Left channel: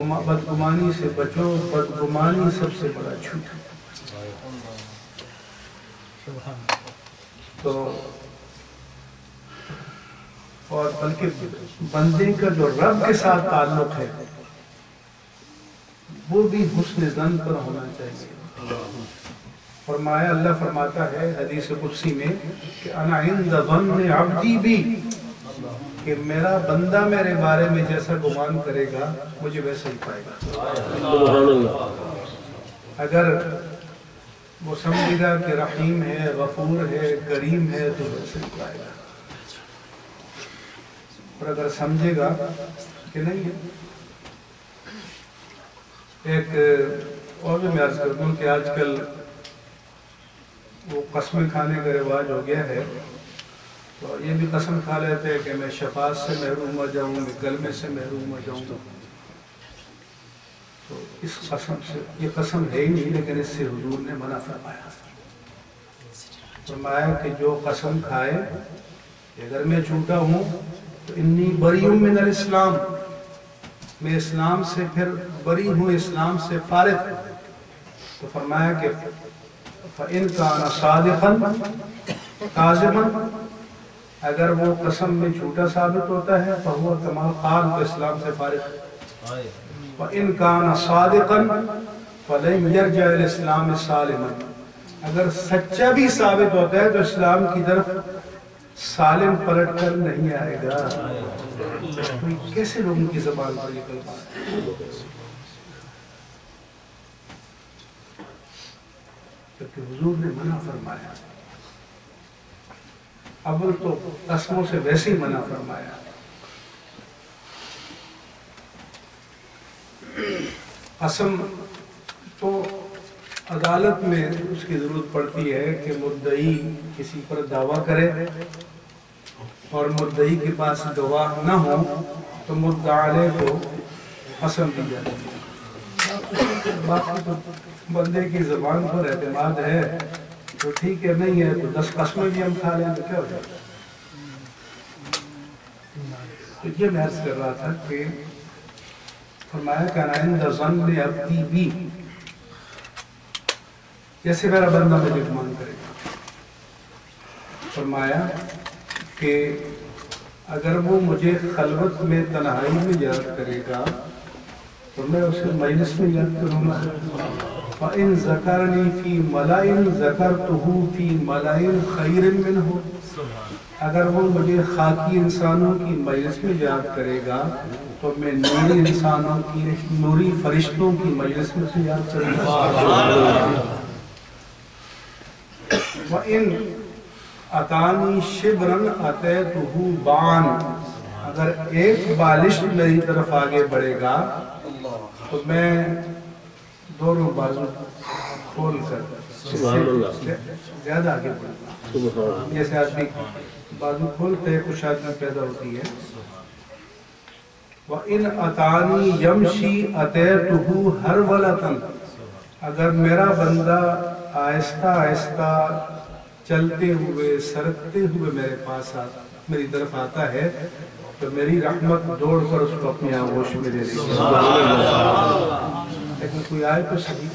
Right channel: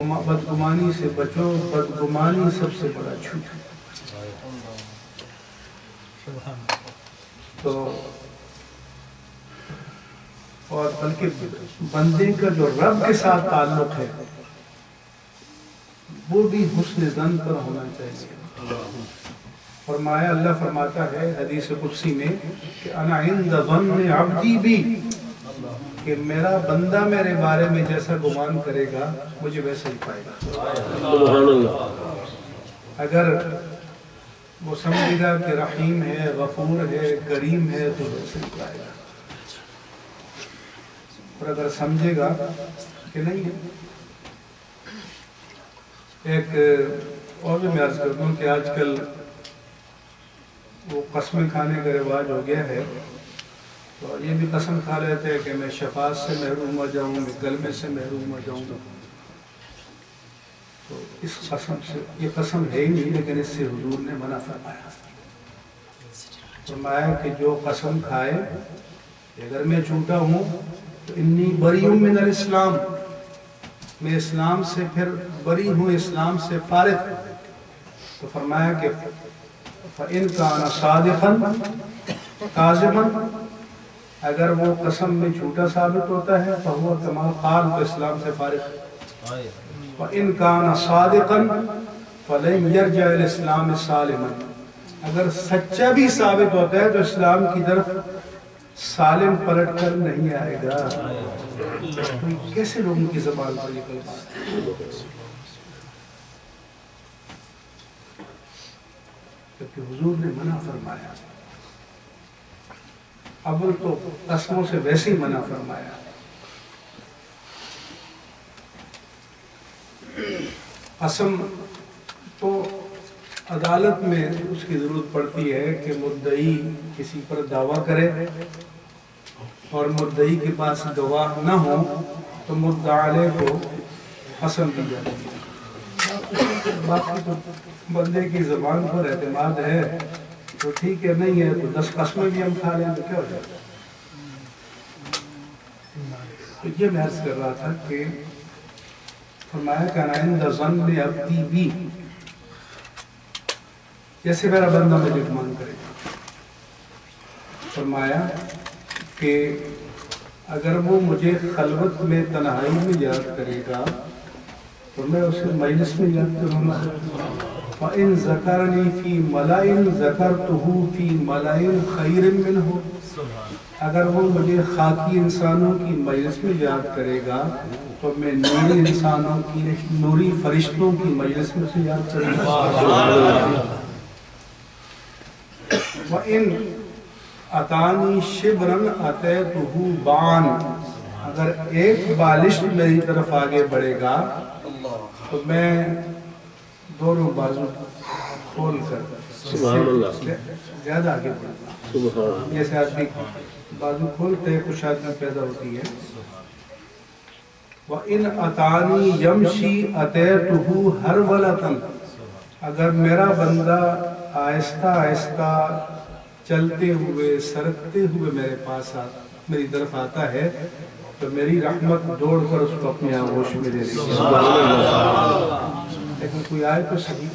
بدگمانی سے بچو، بدگمانی سب سے بڑا جھوٹ ہے۔ تو اور بلکہ بندے کا جو رب کے ساتھ تعلق ہے وہ بھی حسن ظن پر ہونا چاہیے۔ فرمایا، اللہ فرماتا ہے حدیث قدسی میں کہ انا عند ظن عبدی بی، کہ میرا بندہ میرے بارے میں جیسا گمان کرے گا مجھے ویسا ہی پائے گا۔ اگر وہ سمجھے گا کہ رحیم ہے، غفور ہے، کریم ہے تو ویسا ہی پائے گا، اور اگر سمجھے گا کہ نہیں ہے۔ ایک اور بھی میں عرض کر دوں کہ آج کل وہ قسمیں کھانے کا رواج ہو گیا ہے، تو یہ بھی قسم کھا لیتے ہیں کہ میں شفاعت سے محروم ہو جاؤں، میں کلمے سے محروم ہو جاؤں گا۔ تو اس قسم سے، یہ قسم ہے ہی نہیں، لیکن اس سے حضور نے منع فرمایا۔ فرمایا کہ جو قسم کھائے اگر میں جھوٹا ہوں تو انی بری من الاسلام، میں اسلام سے پھر بری ہوں، اسلام سے فارغ۔ تو فرمایا کہ فَإِن كَانَ صَادِقًا كَاذِبًا، اگر وہ قسم میں جھوٹا ثابت ہوتا ہے فَهُوَ كَمَا قَالَ، تو اسلام سے فارغ۔ وَإِن كَانَ صَادِقًا فَلَن يَرْجَعَ إِلَى الْإِسْلَامِ سَالِمًا، اگر سچا بھی ثابت ہوتا ہے تو اسلام کی طرف سالم پلٹ کر نہیں آئے گا۔ تو کیسے لوگوں کی زبان پر یہ کلمات ہے؟ کیونکہ حضور نے منع فرمایا۔ اول تو قسموں سے ویسے ہی منع فرمایا۔ قسم تو عدالت میں اس کی ضرورت پڑتی ہے کہ مدعی کسی پر دعویٰ کرے اور مدعی کے پاس گواہ نہ ہو تو مدعا علیہ کو قسم دی جاتی ہے۔ باقی تو بندے کی زبان پر اعتماد ہے تو ٹھیک ہے، نہیں ہے تو 10 قسمیں بھی ہم کھا لیں تو کیا ہو جائے۔ تو یہ میں عرض کر رہا تھا کہ فرمایا کہ انا عند ظن عبدی بی، جیسے میرا بندہ مجھے گمان کرے گا۔ فرمایا کہ اگر وہ مجھے خلوت میں تنہائی میں یاد کرے گا تو میں اسے مجلس میں یاد کروں گا۔ فَإِن ذَكَرَنِي فِي مَلَئٍ ذَكَرْتُهُ فِي مَلَئٍ خَيْرٍ مِّنْهُ، اگر وہ مجھے خاکی انسانوں کی مجلس میں یاد کرے گا تو میں نوری انسانوں کی، نوری فرشتوں کی مجلس میں سے یاد کروں گا۔ وَإِن أَتَانِي شِبْرًا أَتَيْتُهُ بَعًا، اگر ایک بالش میری طرف آگے بڑھے گا تو میں دونوں بازو کھول کر زیادہ آگے بڑھوں گا۔ جیسے آدمی بازو کھولتے ہیں کچھ آدمی پیدا ہوتی ہے۔ وَإِنْ أَتَانِي يَمْشِي أَتَيْتُهُ هَرْوَلَةً، اگر میرا بندہ آہستہ آہستہ چلتے ہوئے سرکتے ہوئے میرے پاس میری طرف آتا ہے تو میری رحمت دوڑ کر اس کو اپنی آغوش میں لے لے گی۔ لیکن کوئی آئے تو صحیح،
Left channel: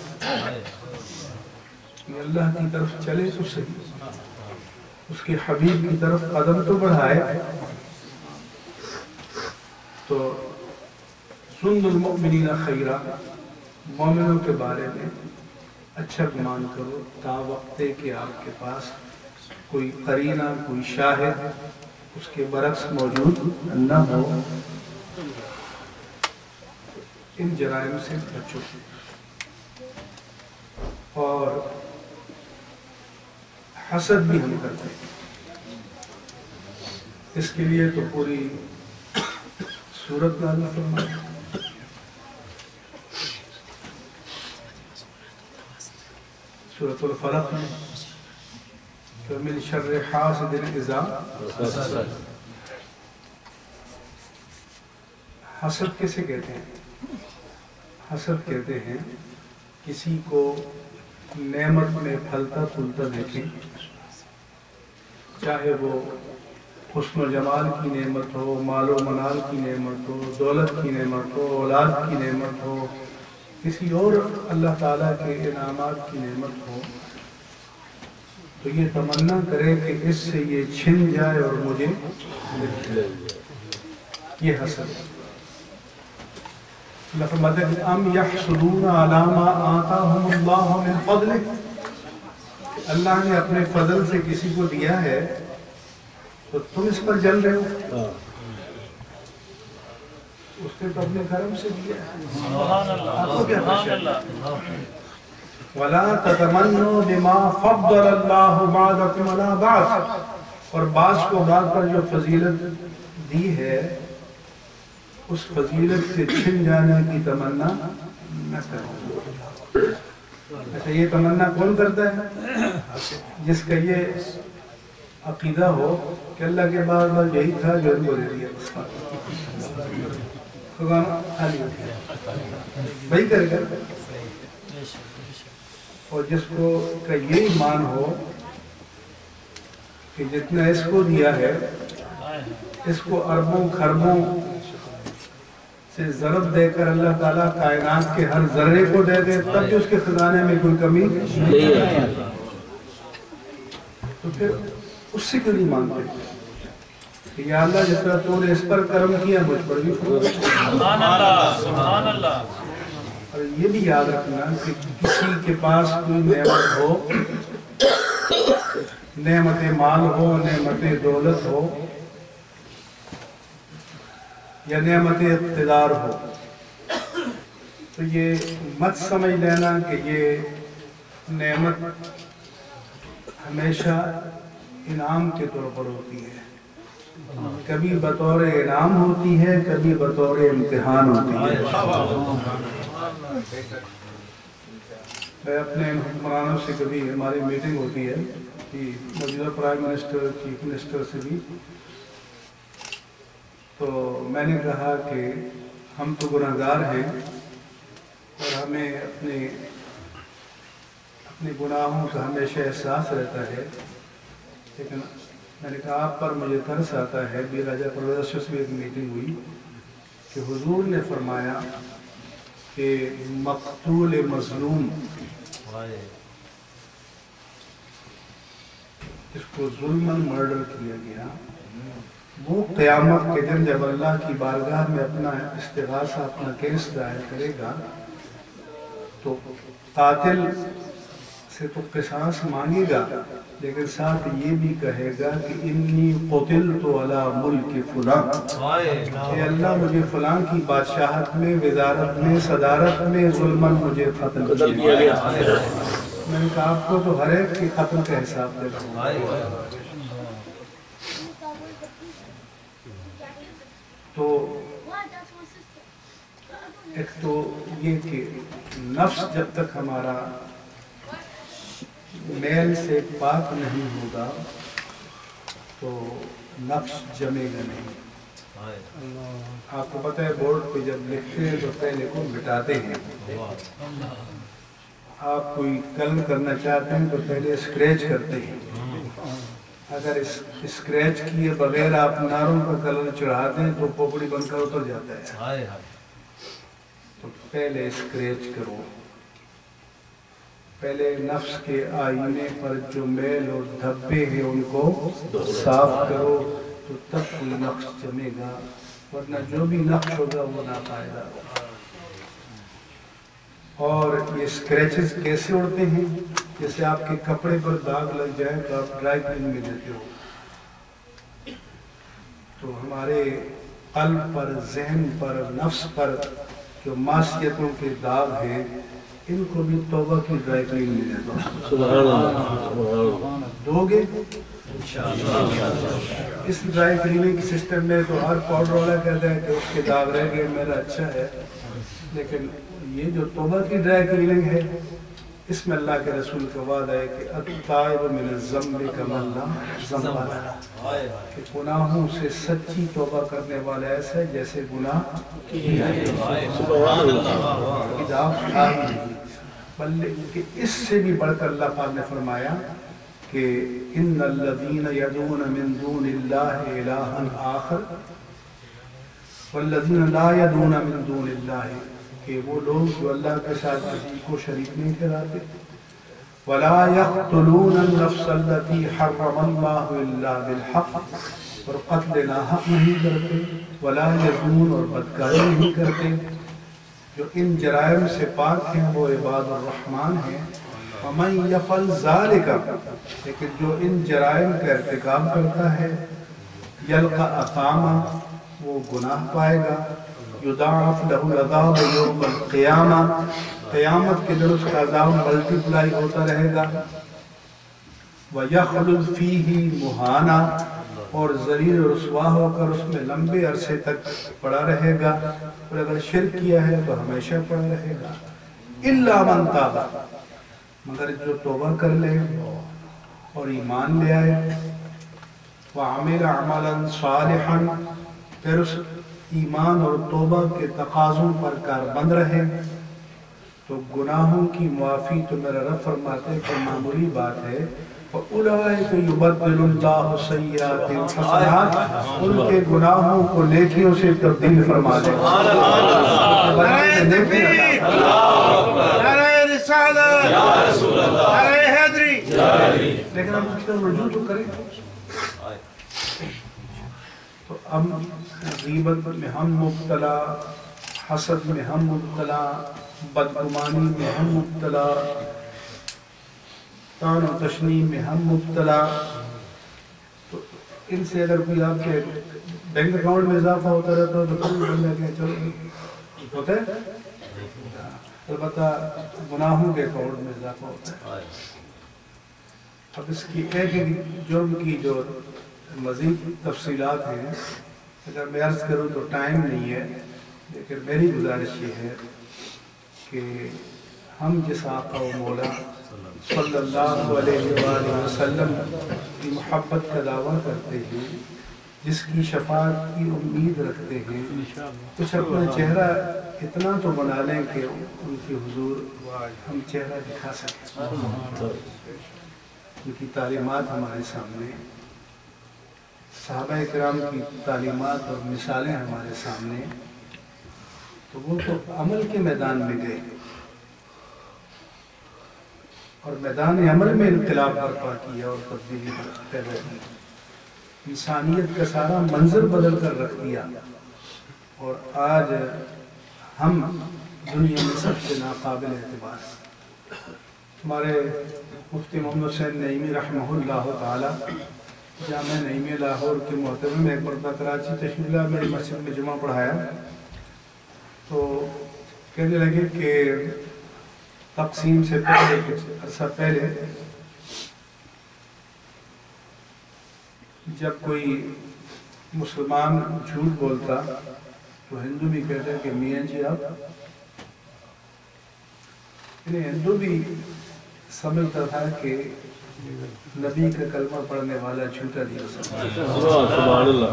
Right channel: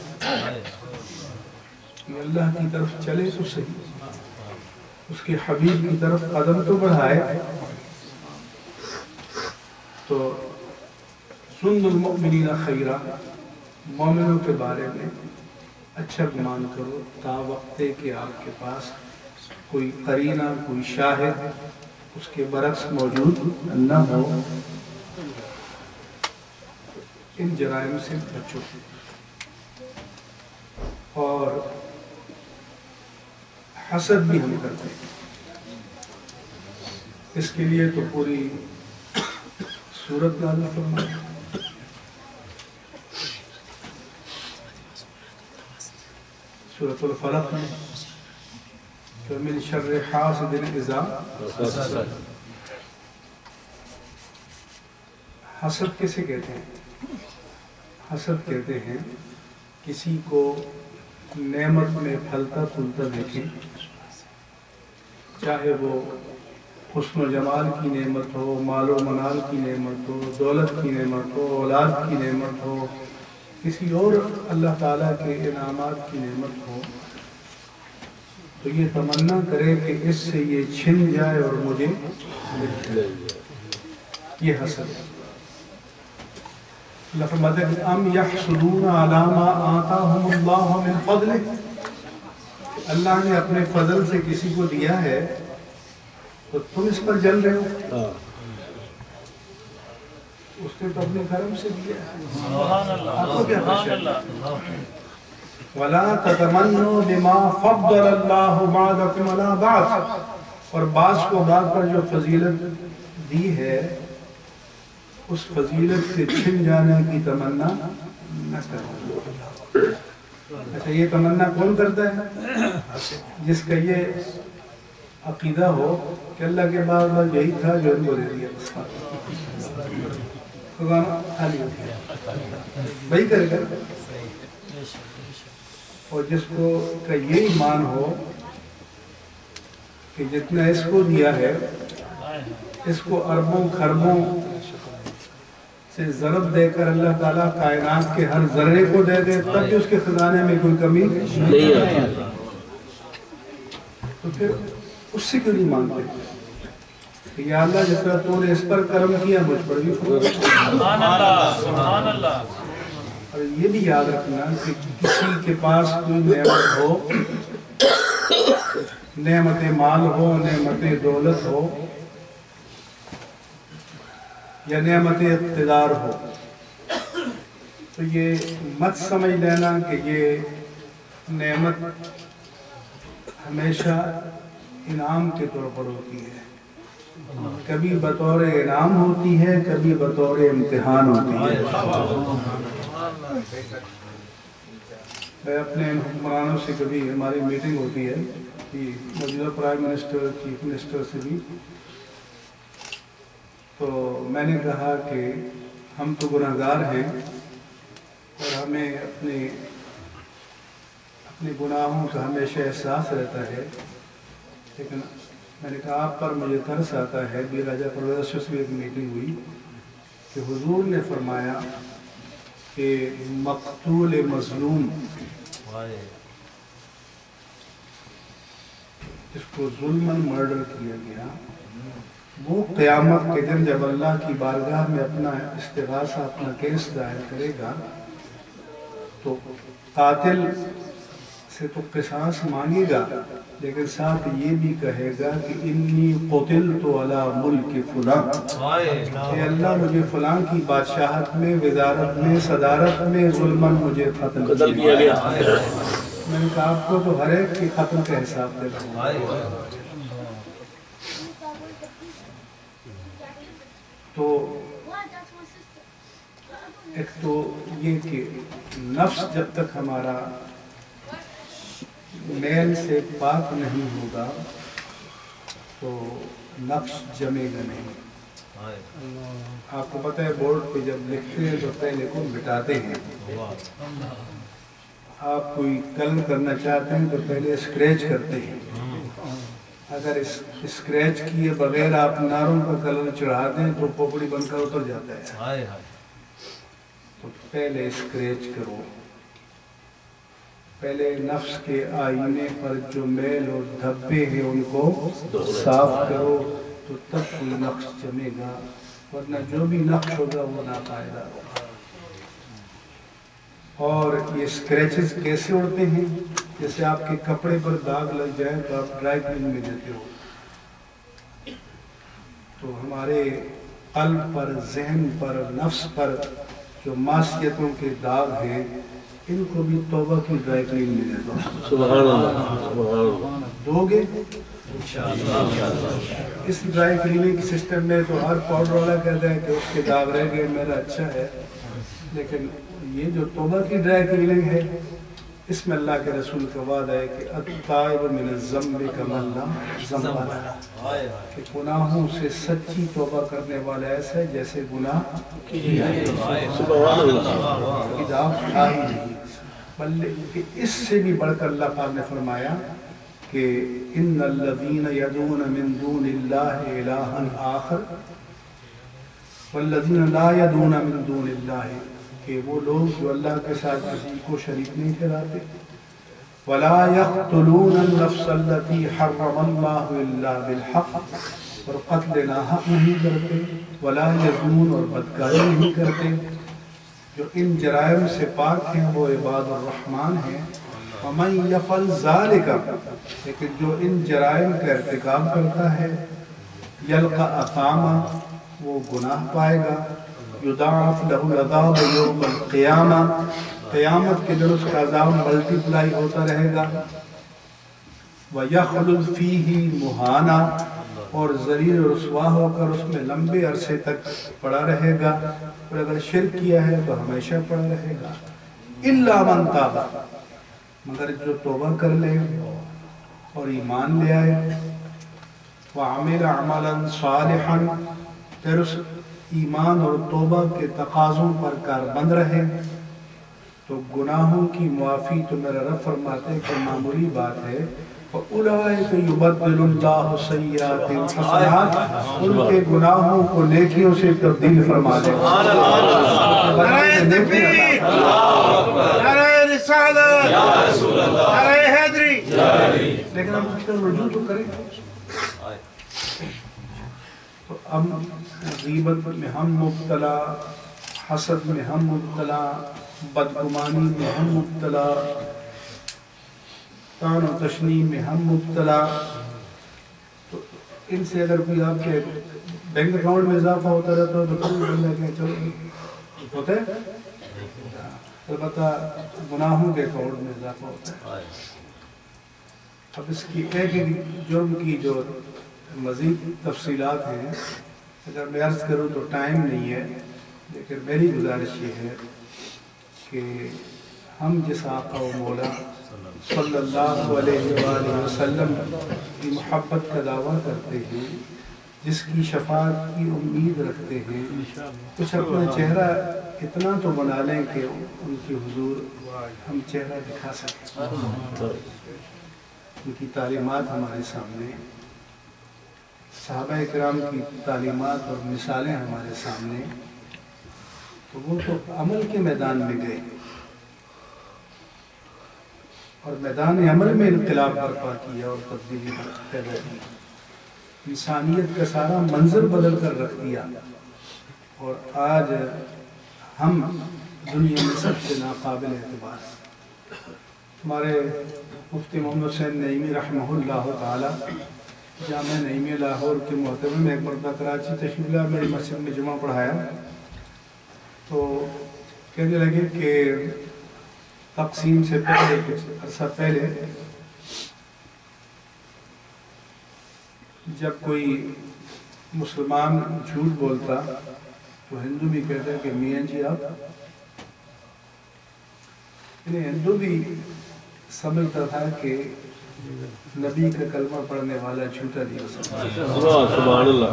اللہ کی طرف چلے تو صحیح، اس کے حبیب کی طرف قدم تو بڑھائے۔ تو ظن المؤمنین خیرا، مومنوں کے بارے میں اچھا گمان کرو تا وقتے کہ آپ کے پاس کوئی قرینہ، کوئی شاہد اس کے برعکس موجود نہ ہو۔ ان جرائم سے بچو۔ اور حسد بھی ہم کرتے ہیں، اس کے لیے تو پوری سورت نازل فرمائی۔ سورۃ الفلق میں وَمِن شَرِّ حَاسِدٍ إِذَا حَسَدَ، حسد کسے کہتے ہیں؟ حسد کہتے ہیں کسی کو نعمت میں پھلتا پھولتا دیکھیں، چاہے وہ حسن و جمال کی نعمت ہو، مال و منال کی نعمت ہو، دولت کی نعمت ہو، اولاد کی نعمت ہو، کسی اور اللہ تعالیٰ کے انعامات کی نعمت ہو، تو یہ تمنا کرے کہ اس سے یہ چھن جائے اور مجھے مل جائے۔ یہ حسد ہے۔ اللہ فرماتا ہے کہ ام یحسدون علی ما آتاہم اللہ من فضلہ، اللہ نے اپنے فضل سے کسی کو دیا ہے تو تم اس پر جل رہے ہو، اس نے تو اپنے کرم سے دیا ہے، آپ کو کیا خشیت؟ وَلَا تَتَمَنُّوا بِمَا فَضَّلَ اللَّهُ بَعْضَكُمْ عَلَىٰ بَعْضٍ، اور بعض کو بعض پر جو فضیلت دی ہے اس فضیلت سے چھن جانے کی تمنا نہ کرو۔ اچھا، یہ تمنا کون کرتا ہے؟ جس کا یہ عقیدہ ہو کہ اللہ کے بعد بس یہی تھا جو ان کو دے دیا، خزانہ خالی ہو گیا، وہی کرے گا۔ اور جس کو کا یہ ایمان ہو کہ جتنا اس کو دیا ہے اس کو اربوں خربوں سے ضرب دے کر اللہ تعالیٰ کائنات کے ہر ذرے کو دے دے، تب بھی اس کے خزانے میں کوئی کمی نہیں ہے، تو پھر اس سے کیوں نہیں مانگتے کہ یا اللہ جس طرح تو نے اس پر کرم کیا مجھ پر بھی سبحان اللہ، سبحان اللہ۔ اور یہ بھی یاد رکھنا کہ کسی کے پاس کوئی نعمت ہو، نعمت مال ہو، نعمت دولت ہو یا نعمت اقتدار ہو، تو یہ مت سمجھ لینا کہ یہ نعمت ہمیشہ انعام کے طور پر ہوتی ہے، کبھی بطور انعام ہوتی ہے، کبھی بطور امتحان ہوتی ہے۔ میں اپنے حکمرانوں سے کبھی ہماری میٹنگ ہوتی ہے کہ موجودہ پرائم منسٹر، چیف منسٹر سے بھی، تو میں نے کہا کہ ہم تو گناہگار ہیں اور ہمیں اپنے گناہوں کا ہمیشہ احساس رہتا ہے، لیکن میں نے کہا آپ پر مجھے ترس آتا ہے۔ بھی راجہ پرویز سے بھی ایک میٹنگ ہوئی کہ حضور نے فرمایا کہ مقتول مظلوم جس کو ظلماً مرڈر کیا گیا، وہ قیامت کے دن جب اللہ کی بارگاہ میں اپنا استغاثہ، اپنا کیس دائر کرے گا تو قاتل سے تو قصاص مانگے گا، لیکن ساتھ یہ بھی کہے گا کہ انی قتلت علی ملک فلاں، اے اللہ مجھے فلاں کی بادشاہت میں، وزارت میں، صدارت میں ظلماً مجھے قتل کیا گیا۔ میں نے کہا آپ کو تو ہر ایک کی قتل کا حساب دے رہا ہوں۔ تو ایک تو یہ کہ نفس جب تک ہمارا میل سے پاک نہیں ہوگا تو نفس جمے گا نہیں۔ آپ کو پتہ ہے بورڈ پہ جب لکھتے ہیں تو پہلے کو مٹاتے ہیں، آپ کوئی کلر کرنا چاہتے ہیں تو پہلے اسکریچ کرتے ہیں، اگر اسکریچ کیے بغیر آپ ناروں کا کلر چڑھاتے ہیں تو پوپڑی بن کر اتر جاتا ہے، تو پہلے اسکریچ کرو، پہلے نفس کے آئینے پر جو میل اور دھبے ہیں ان کو صاف کرو، تو تب کوئی نقش جمے گا، ورنہ جو بھی نقش ہوگا وہ ناپائیدار ہوگا۔ اور یہ اسکریچز کیسے اڑتے ہیں؟ جیسے آپ کے کپڑے پر داغ لگ جائے تو آپ ڈرائی کلین میں دیتے ہو، تو ہمارے قلب پر، ذہن پر، نفس پر جو معصیتوں کے داغ ہیں ان کو بھی توبہ کی ڈرائی کلین میں دیتا ہوں۔ سبحان اللہ، دو گے اس ڈرائی کلیننگ سسٹم میں تو ہر پاؤڈر والا کہتا ہے کہ اس کے داغ رہ گئے میرا اچھا ہے، لیکن یہ جو توبہ کی ڈرائی کلیننگ ہے اس میں اللہ کے رسول کا وعدہ ہے کہ التائب من الذنب کمن لا ذنب لہ، کہ گناہوں سے سچی توبہ کرنے والا ایسا ہے جیسے گناہ کیا ہے، داغ تھا ہی نہیں، بلکہ اس سے بھی بڑھ کر اللہ پاک نے فرمایا کہ ان الذین یدعون من دون اللہ الہا آخر والذین لا یدعون من دون اللہ، کہ وہ لوگ جو اللہ کے ساتھ کسی کو شریک نہیں ٹھہراتے، ولا یقتلون النفس التي حرم اللہ الا بالحق، اور قتل ناحق نہیں کرتے، ولا یزنون، اور بدکاری نہیں کرتے، جو ان جرائم سے پاک ہیں وہ عباد الرحمن ہیں۔ ومن یفعل ذلک، لیکن جو ان جرائم کا ارتکاب کرتا ہے، یلقى اثاما، وہ گناہ پائے گا، یضاعف له العذاب یوم القیامہ، قیامت کے دن اس کا عذاب ملٹی پلائی ہوتا رہے گا، وَيَخْلُدْ فِيهِ مُحَانًا، اور ذلیل و رسوا ہو کر اس میں لمبے عرصے تک پڑا رہے گا، اور اگر شرک کیا ہے تو ہمیشہ پڑا رہے گا۔ إِلَّا مَنْ تَابَ، مگر جو توبہ کر لے اور ایمان لے آئے، وَعَمِلَ عَمَلًا صَالِحًا، پھر اس ایمان اور توبہ کے تقاضوں پر کاربند رہے، تو گناہوں کی معافی تو میرا رب فرماتے ہیں کہ معمولی بات ہے۔ فَأُولَئِكَ يُبَدِّلُ اللَّهُ سَيِّئَاتِهِمْ حَسَنَاتٍ، ان کے گناہوں کو نیکیوں سے تبدیل فرما دے گا۔ نعرہ رسالت، نعرہ حیدری، لیکن ہم اس کا رجوع تو کریں۔ تو اب غیبت میں ہم مبتلا، حسد میں ہم مبتلا، بدگمانی میں ہم مبتلا، طعن و تشنیع میں ہم مبتلا۔ تو ان سے اگر کوئی آپ کے بینک اکاؤنٹ میں اضافہ ہوتا رہتا ہو تو کوئی بندہ کہ چلو ہوتا ہے، البتہ گناہوں کے اکاؤنٹ میں اضافہ ہوتا ہے۔ اب اس کی ایک جرم کی جو مزید تفصیلات ہیں اگر میں عرض کروں تو ٹائم نہیں ہے، لیکن میری گزارش یہ ہے کہ ہم جس آقا و مولا صلی اللہ علیہ وآلہ وسلم کی محبت کا دعویٰ کرتے ہیں، جس کی شفاعت کی امید رکھتے ہیں، کچھ اپنا چہرہ اتنا تو بنا لیں کہ ان کی حضور ہم چہرہ دکھا سکیں، ان کی تعلیمات ہمارے سامنے، صحابہ کرام کی تعلیمات اور مثالیں ہمارے سامنے، تو وہ تو عمل کے میدان میں گئے اور میدان عمل میں انقلاب برپا کیا اور تبدیلی پیدا کی، انسانیت کا سارا منظر بدل کر رکھ دیا، اور آج ہم دنیا میں سب سے ناقابل اعتبار۔ ہمارے مفتی محمد حسین نعیمی رحمہ اللہ تعالی جامعہ نعیمیہ لاہور کے محتمم میں ایک مرتبہ کراچی تشریف لائے، میری مسجد میں جمعہ پڑھایا، تو کہنے لگے کہ تقسیم سے پہلے کچھ عرصہ پہلے جب کوئی مسلمان جھوٹ بولتا تو ہندو بھی کہتا ہے کہ میاں جی آپ، یعنی ہندو بھی سمجھتا تھا کہ نبی کا کلمہ پڑھنے والا جھوٹا نہیں ہو سکتا، سبحان اللہ۔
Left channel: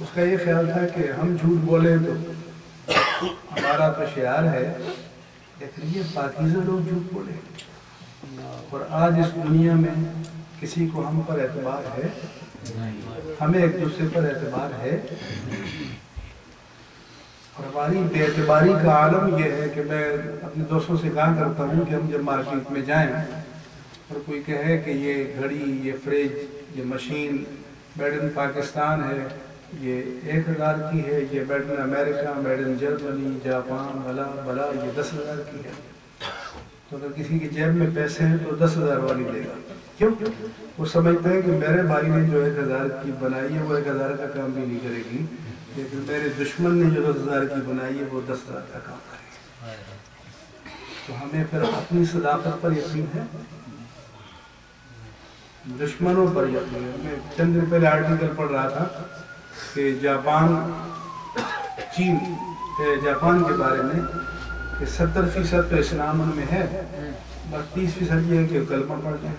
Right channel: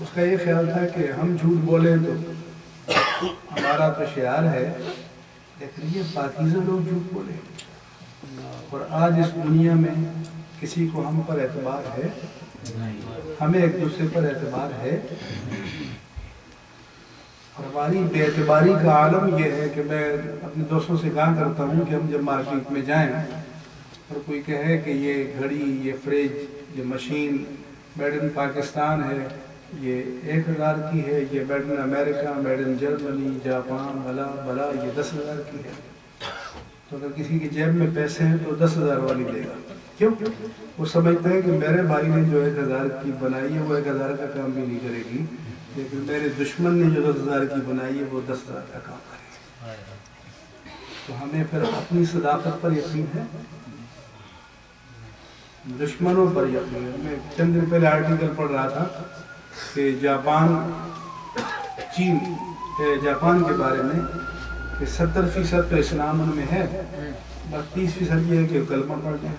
اس کا یہ خیال تھا کہ ہم جھوٹ بولیں تو ہمارا تو شعار ہے، لیکن یہ پاکیزہ لوگ جھوٹ بولیں، اور آج اس دنیا میں کسی کو ہم پر اعتبار ہے؟ ہمیں ایک دوسرے پر اعتبار ہے؟ اور ہماری بے اعتباری کا عالم یہ ہے کہ میں اپنے دوستوں سے کہا کرتا ہوں کہ ہم جب مارکیٹ میں جائیں اور کوئی کہے کہ یہ گھڑی، یہ فریج، یہ مشین میڈ ان پاکستان ہے، یہ 1000 کی ہے، یہ made in America, made in Germany, Japan, بلا یہ 10,000 کی ہے، تو اگر کسی کی جیب میں پیسے ہیں تو 10,000 والی لے گا۔ کیوں؟ وہ سمجھتا ہے کہ میرے بھائی نے جو 1000 کی بنائی ہے وہ 1000 کا کام بھی نہیں کرے گی، لیکن میرے دشمن نے جو 10,000 کی بنائی ہے وہ 10,000 کا کام کرے گی۔ تو ہمیں پھر اپنی صداقت پر یقین ہے، دشمنوں پر یقین ہے۔ میں چند دن پہلے آرٹیکل پڑھ رہا تھا کہ جاپان کے بارے میں کہ 70% تو اسلام ان میں ہے، بس 30% یہ ہے کہ کلمہ پڑھ جائیں۔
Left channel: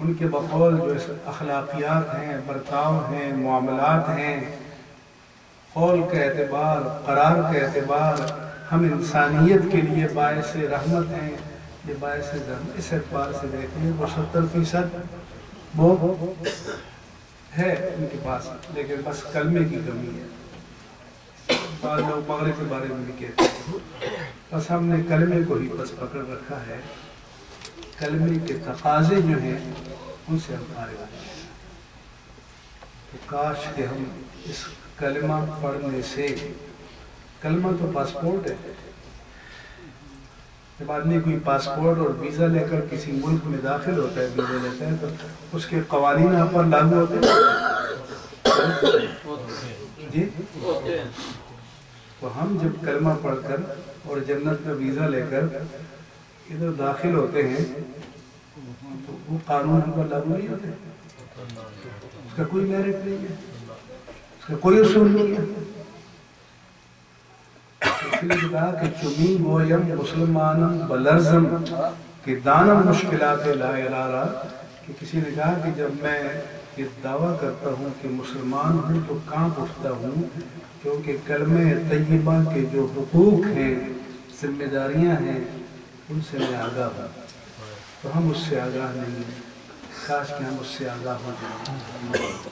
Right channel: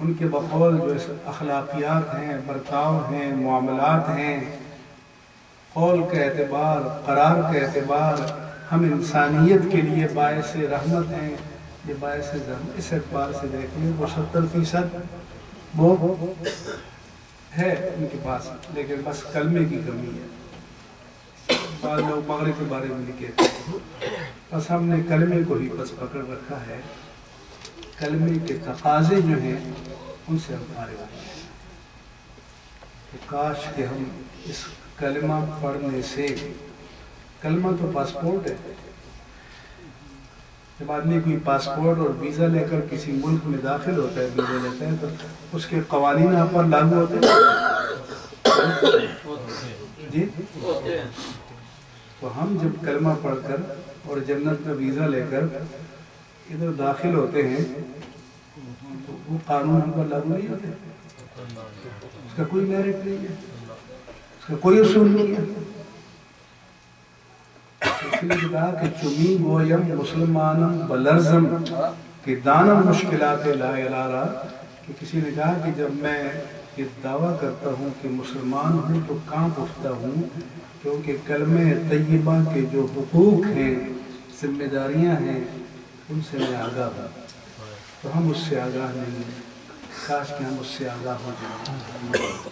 ان کے بقول جو اخلاقیات ہیں، برتاؤ ہیں، معاملات ہیں، قول کا اعتبار، قرار کا اعتبار، ہم انسانیت کے لیے باعث رحمت ہیں، یہ باعث رحمت، اس اعتبار سے دیکھیں وہ 70% وہ ہے ان کے پاس، لیکن بس کلمے کی کمی ہے۔ بعض لوگ مغرب کے بارے میں بھی کہتے ہیں، بس ہم نے کلمے کو ہی بس پکڑ رکھا ہے، کلمے کے تقاضے جو ہیں ان سے ہم فارغ ہیں۔ تو کاش کہ ہم اس کلمہ پڑھنے سے، کلمہ تو پاسپورٹ ہے، جب آدمی کوئی پاسپورٹ اور ویزا لے کر کسی ملک میں داخل ہوتا ہے، ویزا لیتا ہے، تو اس کے قوانین آپ پر لاگو ہوتے ہیں جی۔ تو ہم جب کلمہ پڑھ کر اور جنت کا ویزا لے کر ادھر داخل ہوتے ہیں تو وہ قانون ہم پر لاگو نہیں ہوتے، اس کا کوئی میرٹ نہیں ہے، اس کا کوئی اصول نہیں ہے۔ اس لیے کہا کہ چمی گویم مسلمانم بلرزم کہ دانم مشکلات لا الارا، کہ کسی نے کہا کہ جب میں یہ دعویٰ کرتا ہوں کہ مسلمان ہوں تو کانپ اٹھتا ہوں، کیونکہ کلمہ طیبہ کے جو حقوق ہیں، ذمہ داریاں ہیں، ان سے میں آگاہ ہوں، تو ہم اس سے آگاہ نہیں ہیں۔ کاش کہ ہم اس سے آگاہ ہو جائیں،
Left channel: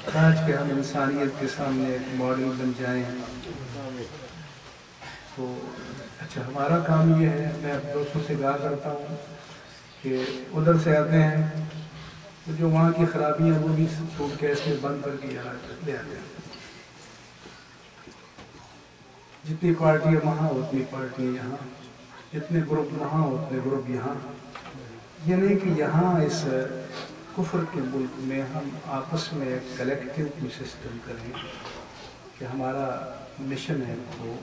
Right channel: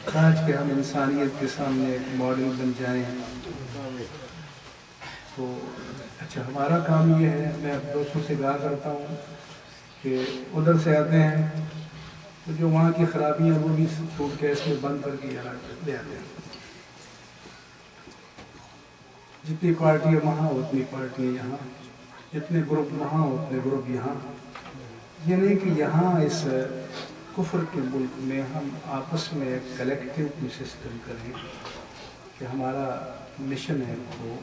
کاش کہ ہم انسانیت کے سامنے ایک ماڈل بن جائیں۔ تو اچھا ہمارا کام یہ ہے، میں دوستوں سے کہا کرتا ہوں کہ ادھر سے آتے ہیں تو جو وہاں کی خرابیاں وہ بھی سوٹ کیس میں بند کر کے یہاں لے آتے ہیں، جتنی پارٹیاں وہاں اتنی پارٹیاں یہاں، جتنے گروپ وہاں اتنے گروپ یہاں۔ یہ نہیں کہ یہاں اس کفر کے ملک میں ہم آپس میں ایک کلیکٹیو سسٹم کریں کہ ہمارا مشن ہے وہ،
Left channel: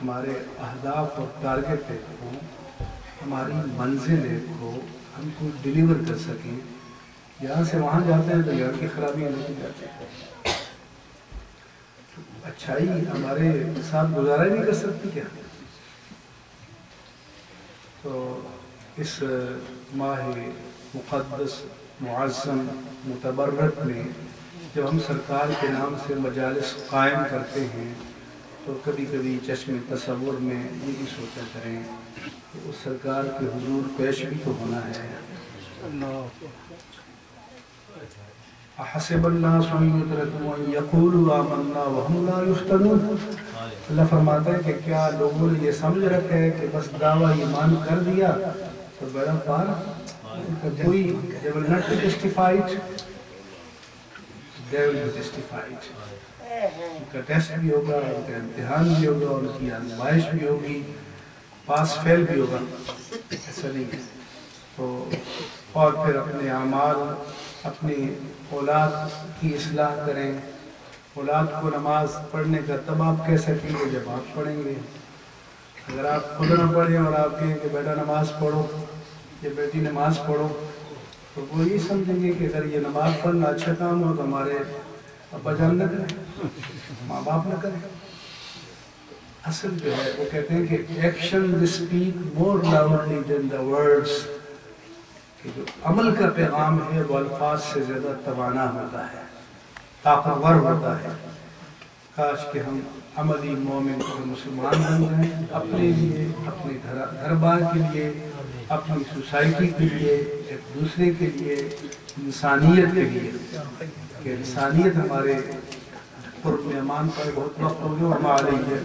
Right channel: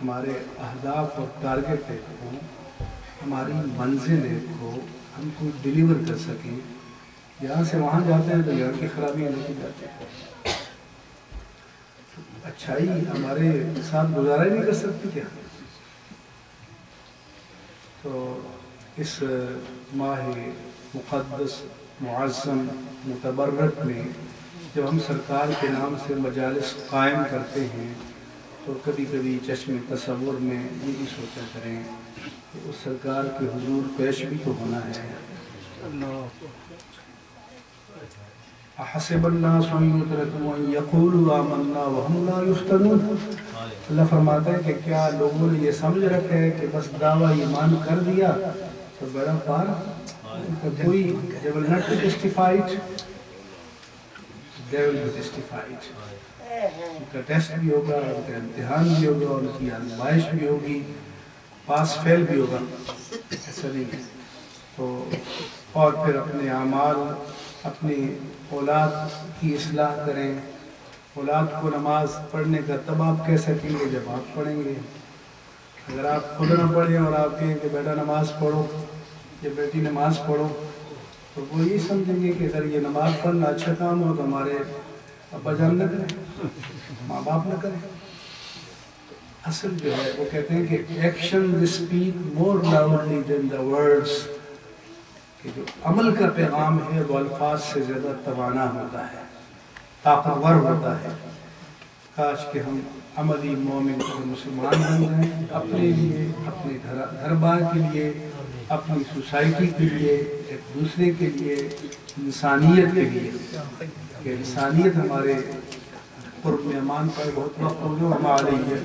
ہمارے اہداف اور ٹارگیٹ ایک ہو، ہماری منزل ایک ہو، ہم کو ڈیلیور کر سکیں۔ یہاں سے وہاں جاتے ہیں تو یہاں کی خرابیاں لے کے جاتے ہیں، اچھائی ہمارے ساتھ گزارا ہی نہیں کر سکتی کیا؟ تو اس ماہ مقدس معظم متبرک میں جب ہم سرکار کے نام سے مجالس قائم کرتے ہیں تو کبھی کبھی چشم تصور میں یہ بھی سوچا کریں کہ اس سرکار کے حضور پیش بھی تو ہونا ہے۔ احسب الناس ان یترکوا ان یقولوا آمنا وهم لا یفتنون، اللہ فرماتا ہے کہ کیا لوگوں نے یہ سمجھ رکھا ہے کہ بس دعویٰ ایمان کر دیا تو بڑا پار، کوئی they will not be justified، they will be justified، ان کا ٹیسٹ بھی ہوگا، ان کا امتحان بھی ہوگا، ان کی آزمائش بھی ہوگی، پاس فیل بھی ہوگا، ایسا نہیں ہے۔ تو اور پھر اپنے اعمال، اپنی اولاد کی اصلاح کریں۔ اولاد کو نماز پڑھنے کا تب آپ کہہ سکیں گے جب آپ پڑھیں گے۔ اگر آپ خود نہ پڑھیں اور آپ کہیں کہ بیٹا نماز پڑھو یا بیٹی نماز پڑھو تو وہ یہ سمجھیں گے کہ اگر یہ نماز پڑھنا اچھا کام ہو تو ہمارے ابا جان نہ کریں، ماں باپ نہ کریں۔ اصل جو ہے وہ کہتے ہیں کہ action speak more loudly than the words, کہ جو عمل کا پیغام ہے وہ الفاظ سے زیادہ توانا ہوتا ہے، طاقتور ہوتا ہے۔ کاش کہ ہم عملی مومن اور مسلمان بن جائیں، اپنے لیے، اپنے گھر بار کے لیے، اپنی سوسائٹی کے لیے، ایک دوسرے کے لیے، انسانیت کے لیے، کہ انسانیت ہمارے قرب میں امان پر بہت وقت ہو گیا، ہمارے لیے